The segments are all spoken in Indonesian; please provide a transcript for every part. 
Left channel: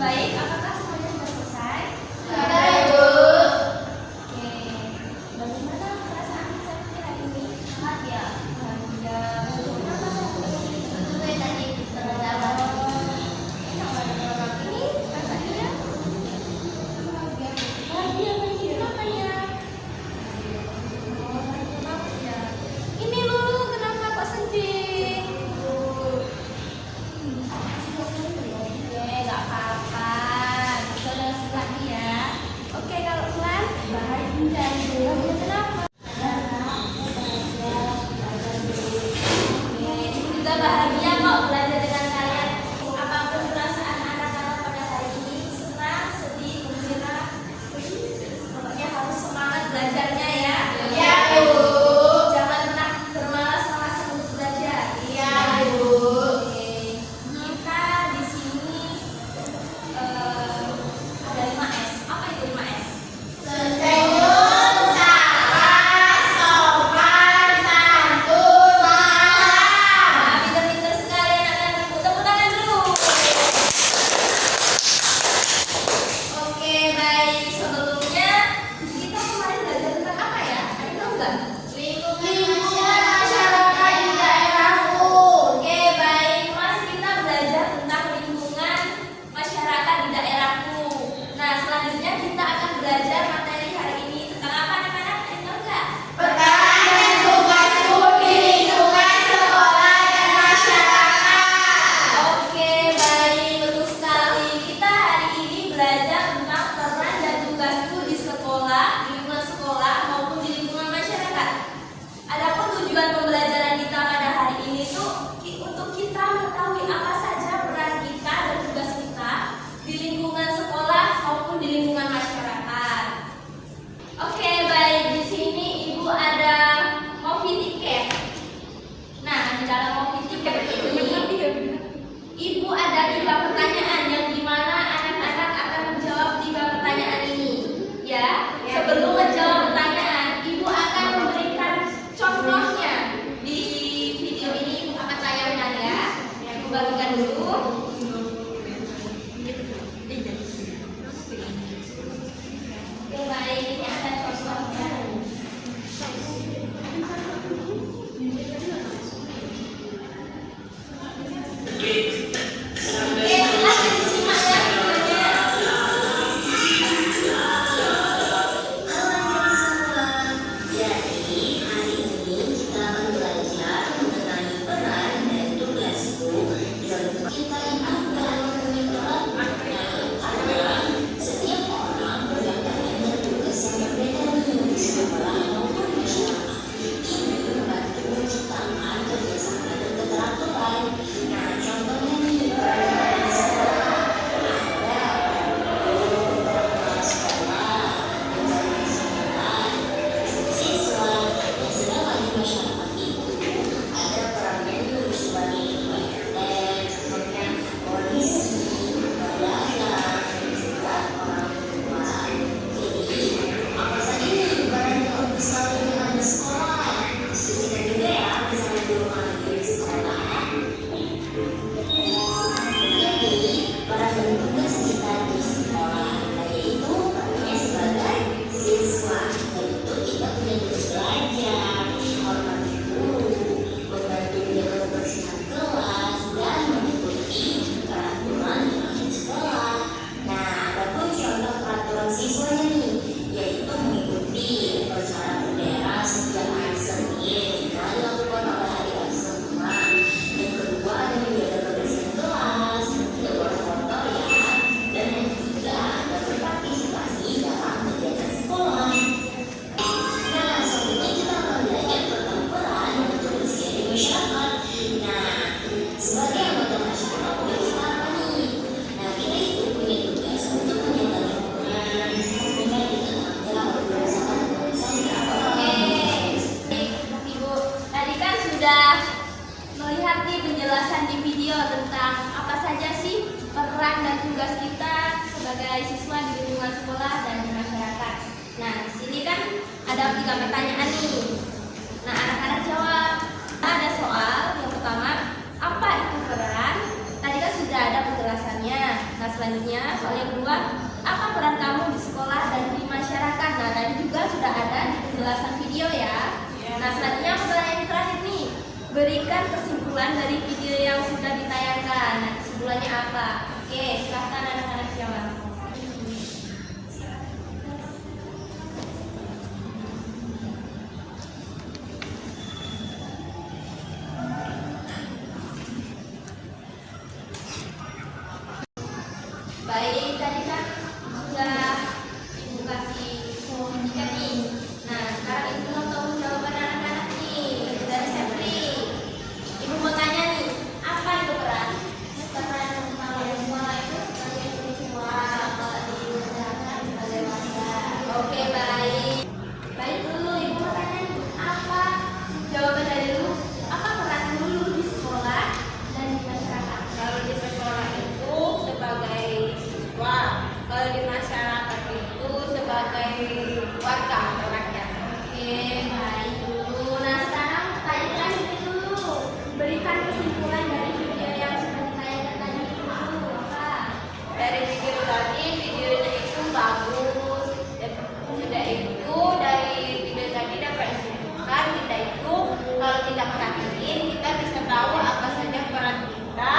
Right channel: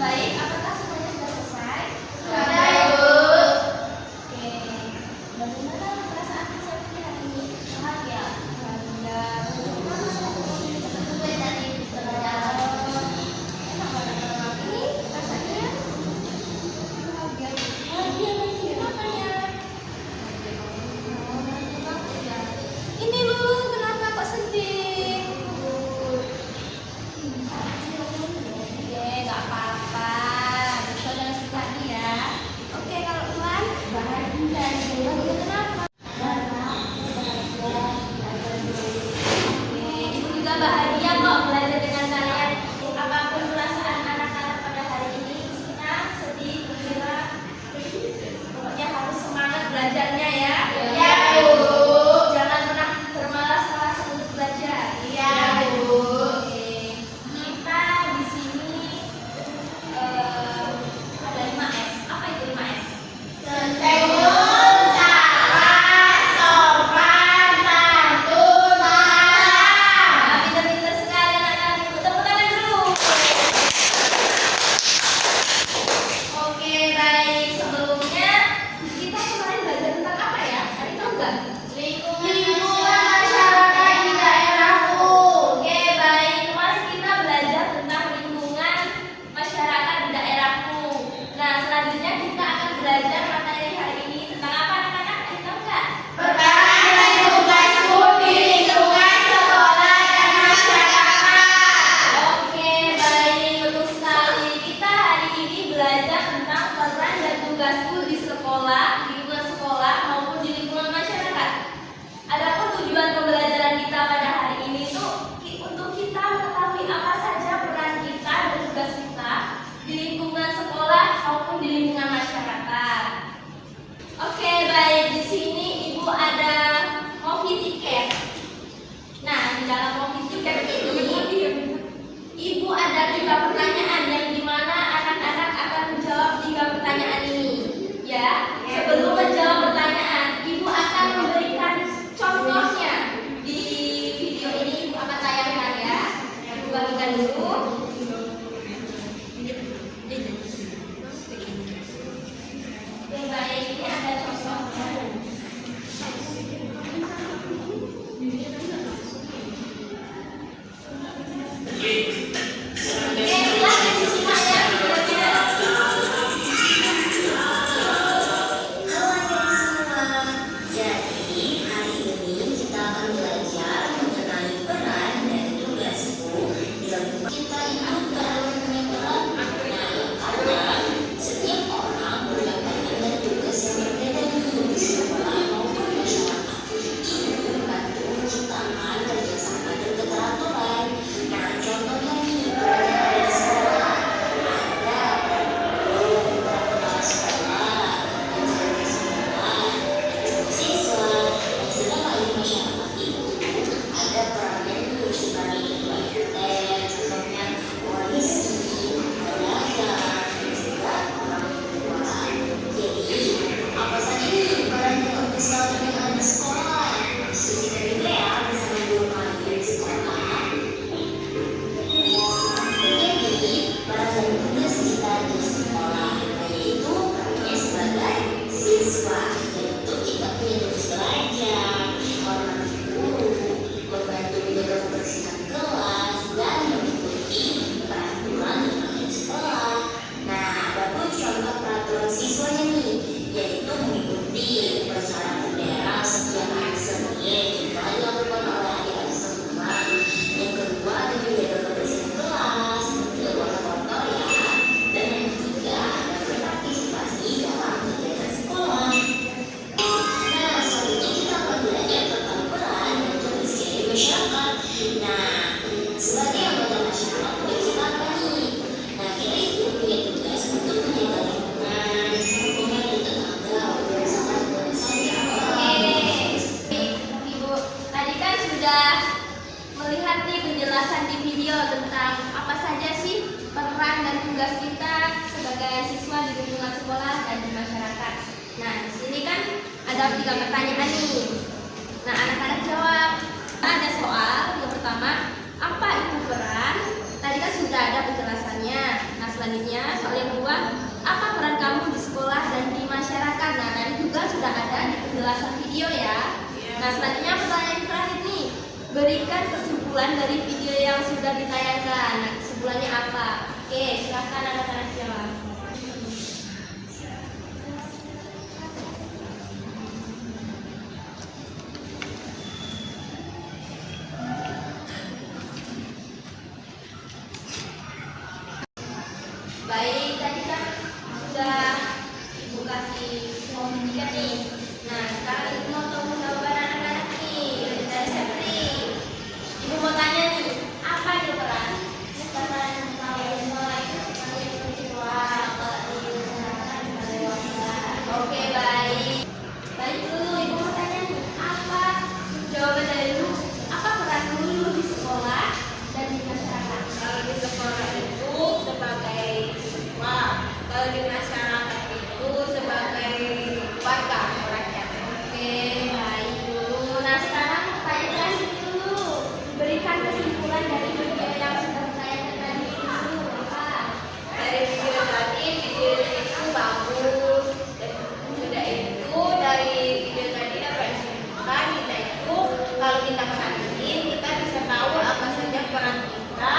Baik, apakah semuanya sudah selesai? Sudah, Ibu. Oke. Bagaimana perasaan Septi hari ini? Bahagia. Bahagia. Kenapa Septi? Sesuai tadi di tengah jalan. Enak banget orang ini rasanya bahagia. Bahagia lagi. Kenapa ya? Oh, bahagia banget ya. Ini Lulu, kenapa kok sedih? Oke, nggak apa-apa. Besok jangan sedih lagi ya. Oke, kalau Ulan bahagia itu. Bahagia kenapa? Oke, Ibu juga bahagia kok belajar dengan kalian. Apapun perasaan anak-anak pada hari ini, senang, sedih, gembira, pokoknya harus semangat belajarnya ya. Iya, Bu. Jangan pernah bermalas-malas untuk belajar. Iya, Bu. Oke. Kita di sini ada 5S. Apa itu 5S? Senyum, sabar, sopan, santun, salam. Nah, pinter-pinter sekali anak-anak Ibu. Tepuk tangan dulu. Oke, baik. Sebelumnya kita kemarin belajar tentang apa ya? Ada yang tahu nggak? Lingkungan masyarakat di daerahku. Oke, baik. Kemarin kita belajar tentang lingkungan masyarakat di daerahku. Nah, selanjutnya kita akan belajar materi hari ini tentang apa anak-anak? Ada yang tahu nggak? Peran dan tugasku di lingkungan sekolah dan masyarakat. Oke, baik, betul sekali. Kita hari ini belajar tentang peran dan tugasku di sekolah, di lingkungan sekolah maupun di lingkungan masyarakat. Adapun tujuan pembelajaran kita pada hari ini tuh untuk kita mengetahui apa saja peran kita dan tugas kita di lingkungan sekolah maupun di lingkungan masyarakat. Oke, baik. Di sini Ibu ada movie tiket. Nah, di dalam movie tiket ini Ibu ada 3 pertanyaan yang dimana anak-anak akan menjawab 3 pertanyaan ini. Ya, sebelum menjawab pertanyaan, Ibu akan memberikan contohnya di video ini. Ibu akan tayangkan ya. Ibu bagikan dulu. Oke, baik. Ini ada contohnya. Oke, silahkan disimak ya videonya. Halo adik semua, jadi hari ini kita akan belajar mengenai peran dan tugasku dalam kita itu kalau mengenal yang ada setiap orang punya peran dan tugas yang berbeda di sekolah maupun masyarakat. Ini membantu menciptakan kerjasama dan keteraturan. Nah, contohnya nih peran yang ada di sekolah ada kepala sekolah, menjaga sekolah, siswa, dan setelah di masyarakat itu ada perannya nih sebagai ketua RT, contohnya polisi, pedagang, dan juga orang tua. Jadi apa saja nih peran yang bagus sekali yang ada di sekolah? Kita juga ya bersama guru mengajar di sekolah. Jadi peran dan tugas kita di sekolah yaitu perannya sebagai siswa, yaitu kita punya tugas belajar, hormati guru, membantu menjaga kebersihan kelas, dan mengikuti peraturan yang ada di sekolah. Nah, adapun contoh peraturan siswanya nih, yaitu mengikuti upacara bendera setiap hari Senin jika dilakukan oleh adik-adik semua. Yang kedua ada menjaga kebersihan kelas, tidak boleh kotor ya. Dan yang ketiga ada berpartisipasi dalam kegiatan sekolah. Nah, selanjutnya kita akan belajar tentang peran dan tugas di masyarakat. Nah, sebagai anggota masyarakat tugas kita apa nih? Nah, kita itu punya tugas untuk menjaga lingkungan, membantu tetangga, organisasi apa Baik, Ibu. Tadi kan sudah melihat nih penjelasan di video tentang apa saja sih peran dan tugas kita sebagai siswa di lingkungan sekolah dan di masyarakat. Nah, di sini kan ada 3 pertanyaan nih. Nah, anak-anak jawab. Ada soal yang pertama, apa itu peran? Tadi kan sudah ada penjelasannya. Nah, selanjutnya soal yang kedua, apa peran kamu di sekolah dan di masyarakat? Nah, tadi juga sudah ada di penjelasan video ya. Nah, selanjutnya pertanyaan yang terakhir nih, berikan kesimpulan dari video yang sudah ditayangkan. Nah, kesimpulannya apa? Oke, silakan anak-anak jawab. Baik, tadi kan sudah Ibu kasih semua pendidikan nih. Nah, sekarang Ibu mau tahu jawaban anak-anak nih dari Sepri. Ibu mau tanya nih, apa itu peran? Peran utama sekolah itu sebagai penjual, diusahakan sebagai wadah. Oke, baik. Baik dulu, Ibu mau tanya nih, apa jawaban dari dulu? Apa peran dulu di sekolah dan di masyarakat? Kalau di sekolah itu sebagai siswa, kalau di masyarakat itu sebagai warga atau rakyat. Oke, baik dulu. Nah, sekarang pertanyaan dulu. Berikan kesimpulan dari video yang sudah ditayangkan tadi dulu. Apa? Dari video tadi, videonya itu bagus. Dan juga itu dari video tadi dapat kesimpulan kita itu kalau kita perhatiin kita bisa tahu apa saja peran kita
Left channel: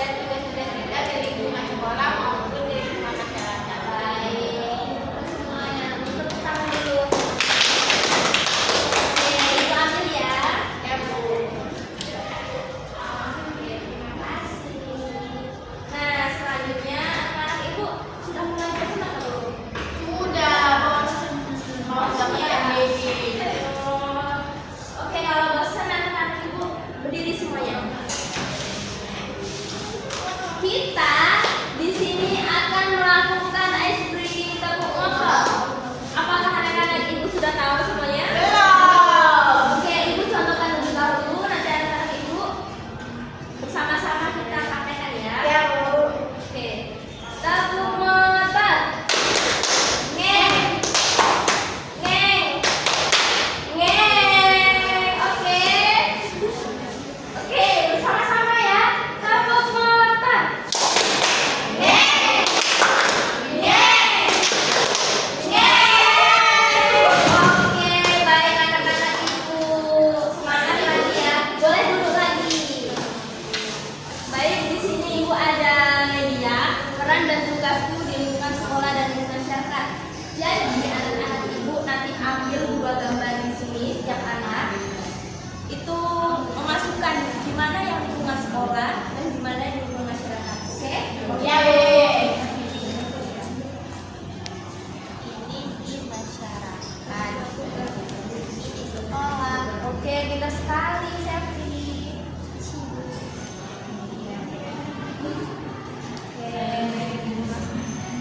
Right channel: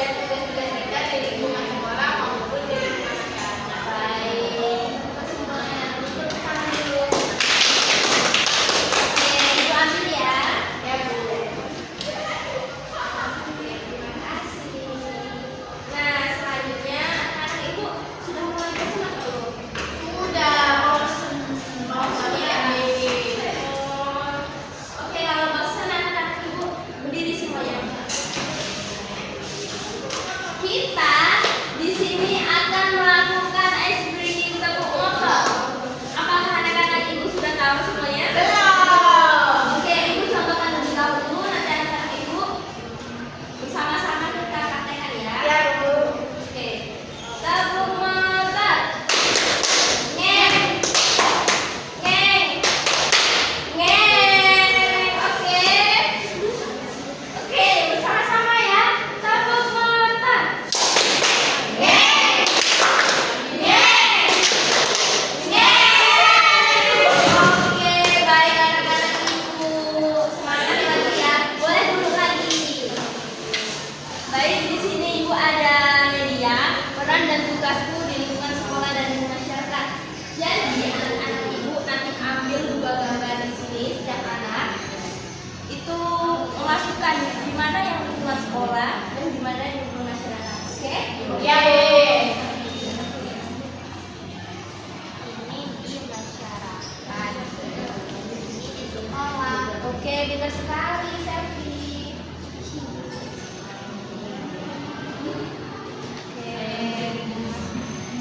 dan tugas-tugas kita di lingkungan sekolah maupun di lingkungan masyarakat. Baik. Kesimpulan untuk tangan dulu. Oke, Ibu ambil ya. Ya Bu. Oke, terima kasih. Nah, selanjutnya anak-anak Ibu sudah mulai bersenang belum? Sudah bosan mau Bosan ya? sampai Oke, kalau bosan anak-anak Ibu berdiri semuanya. Kita di sini akan melakukan ice breaking tepuk ngokok. Apakah anak-anak Ibu sudah tahu semuanya? Oke, Ibu contohkan lebih dahulu, nanti anak-anak Ibu bersama-sama kita praktekkan ya. Ya Bu. Oke, tepuk motor. Ngeng, ngeng, ngeng. Oke, oke, bersama-sama ya. Tepuk motor. Ngeng, ngeng, ngeng. Oke, baik anak-anak Ibu. Semangat lagi ya. Boleh duduk lagi. Baik, di sini Ibu ada media, peran dan tugasku di lingkungan sekolah dan di masyarakat. Jadi anak-anak Ibu nanti ambil 2 gambar di sini setiap anak. Itu memasukkan di mana yang lingkungan sekolah dan di mana yang lingkungan masyarakat. Oke? Ya, Bu. Ini di masyarakat. Ini di sekolah. Oke, pintar sekali, Sepri. Oke,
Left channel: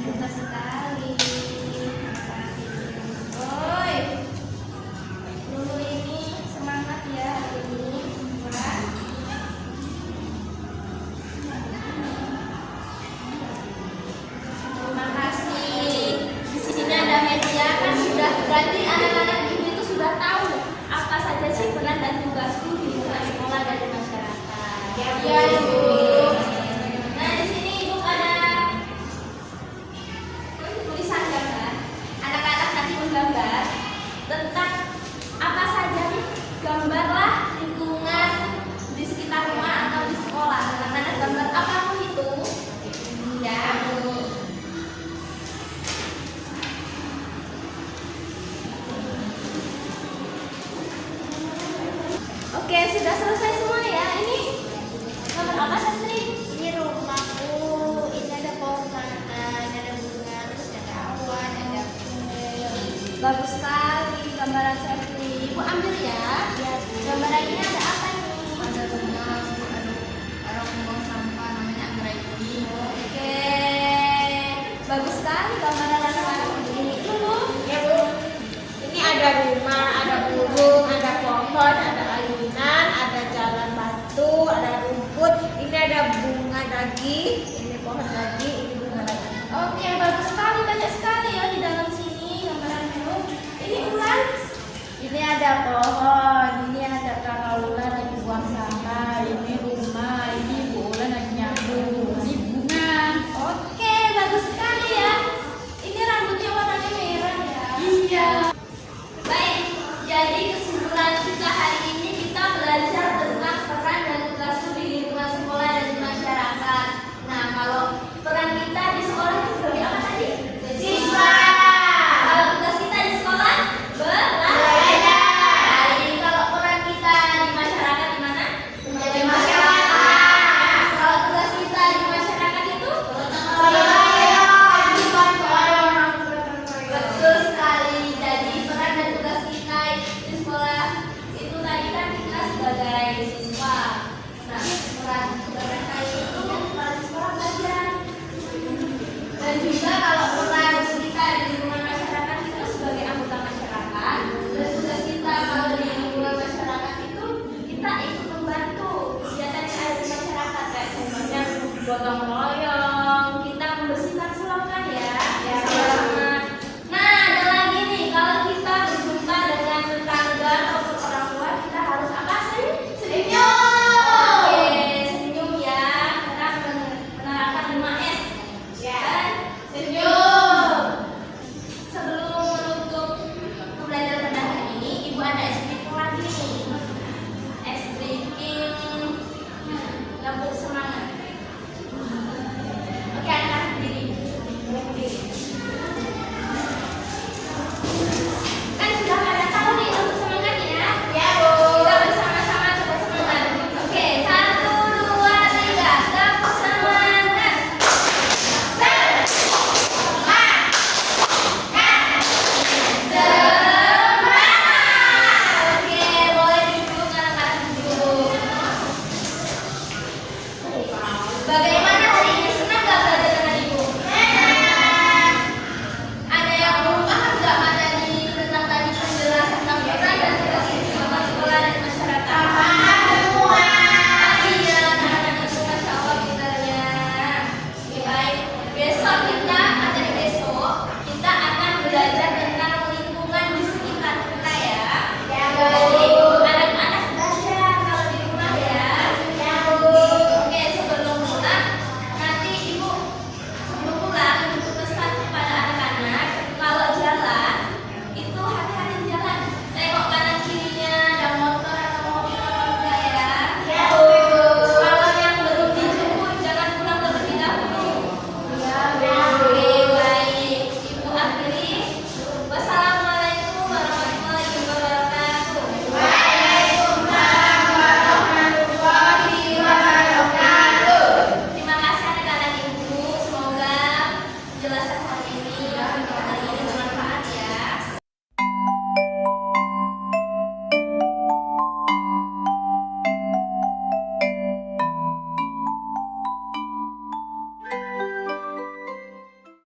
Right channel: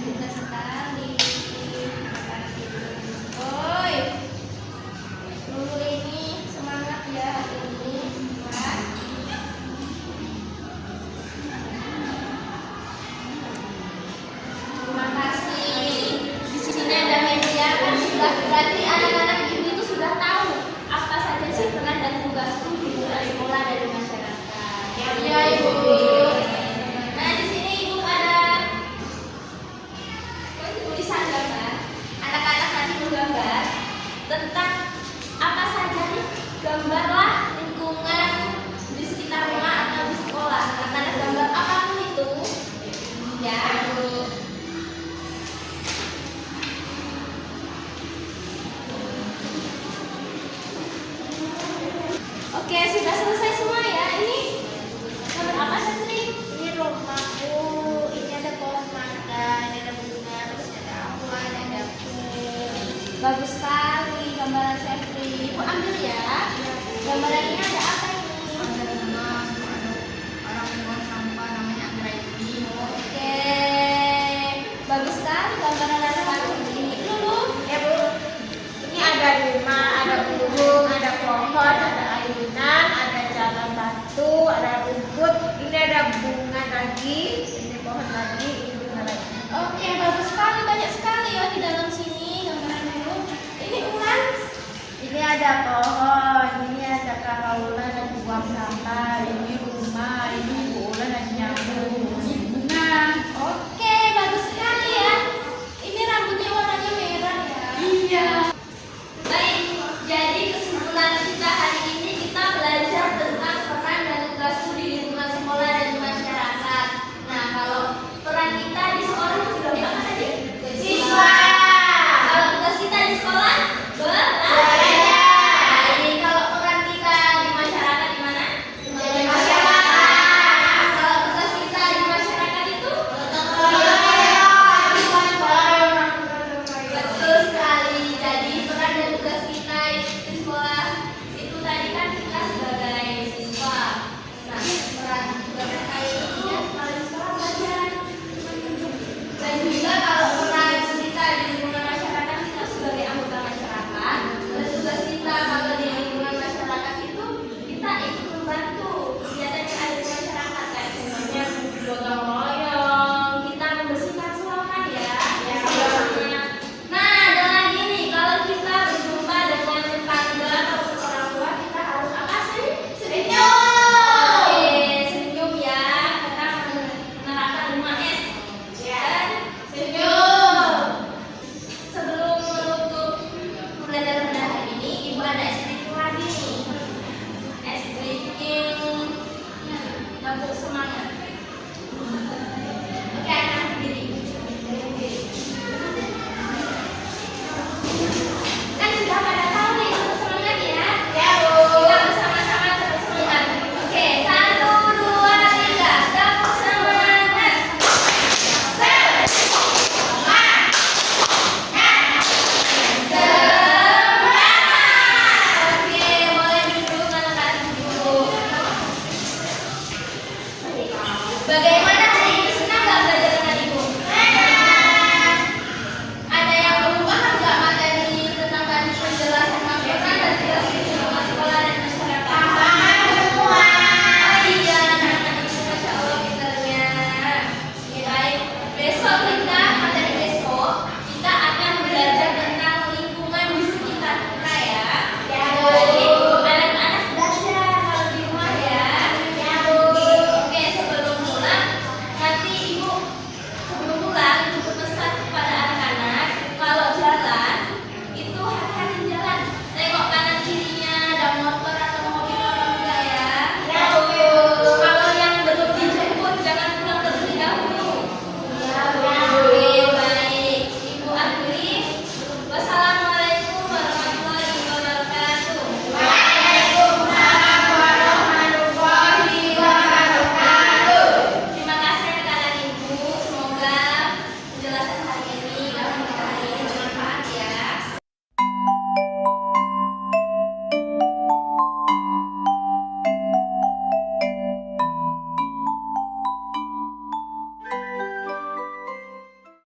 pintar sekali. Anak-anak Ibu. Oi, Lulu ini semangat ya hari ini. Wah. Terima kasih. Di sini ada media kan sudah berarti anak-anak Ibu itu sudah tahu apa saja sih peran dan tugasku di lingkungan sekolah dan di masyarakat. Ya, Ibu. Nah, di sini Ibu ada tulisan gambar. Anak-anak nanti menggambar tentang apa saja nih, gambarlah lingkungan di sekitar rumah atau di sekolah. Anak-anak gambar apapun itu. Ya. Oke, sudah selesai semua ya. Ini gambar apa, Santri? Ini rumahku, ini ada pohon pandan, ada bunga, terus ada awan, ada kue. Bagus sekali gambaran Sepri. Ibu ambil ya. Gambaran ini ada apa ini? Ada rumah, ada orang buang sampah, namanya Anggrek ini. Oke, bagus sekali gambaran anak-anak ini. Lulu, Ya Bu. Ini ada rumah, ada burung, ada pohon, ada ayunan, ada jalan batu, ada rumput. Ini ada bunga lagi, ini pohon lagi, ini bunga lagi. oke, bagus sekali, banyak sekali ya di dalam sini gambaran dulu. Ini ulan. Ini ada pohon, ini ada kakaulan yang buang sampah, ini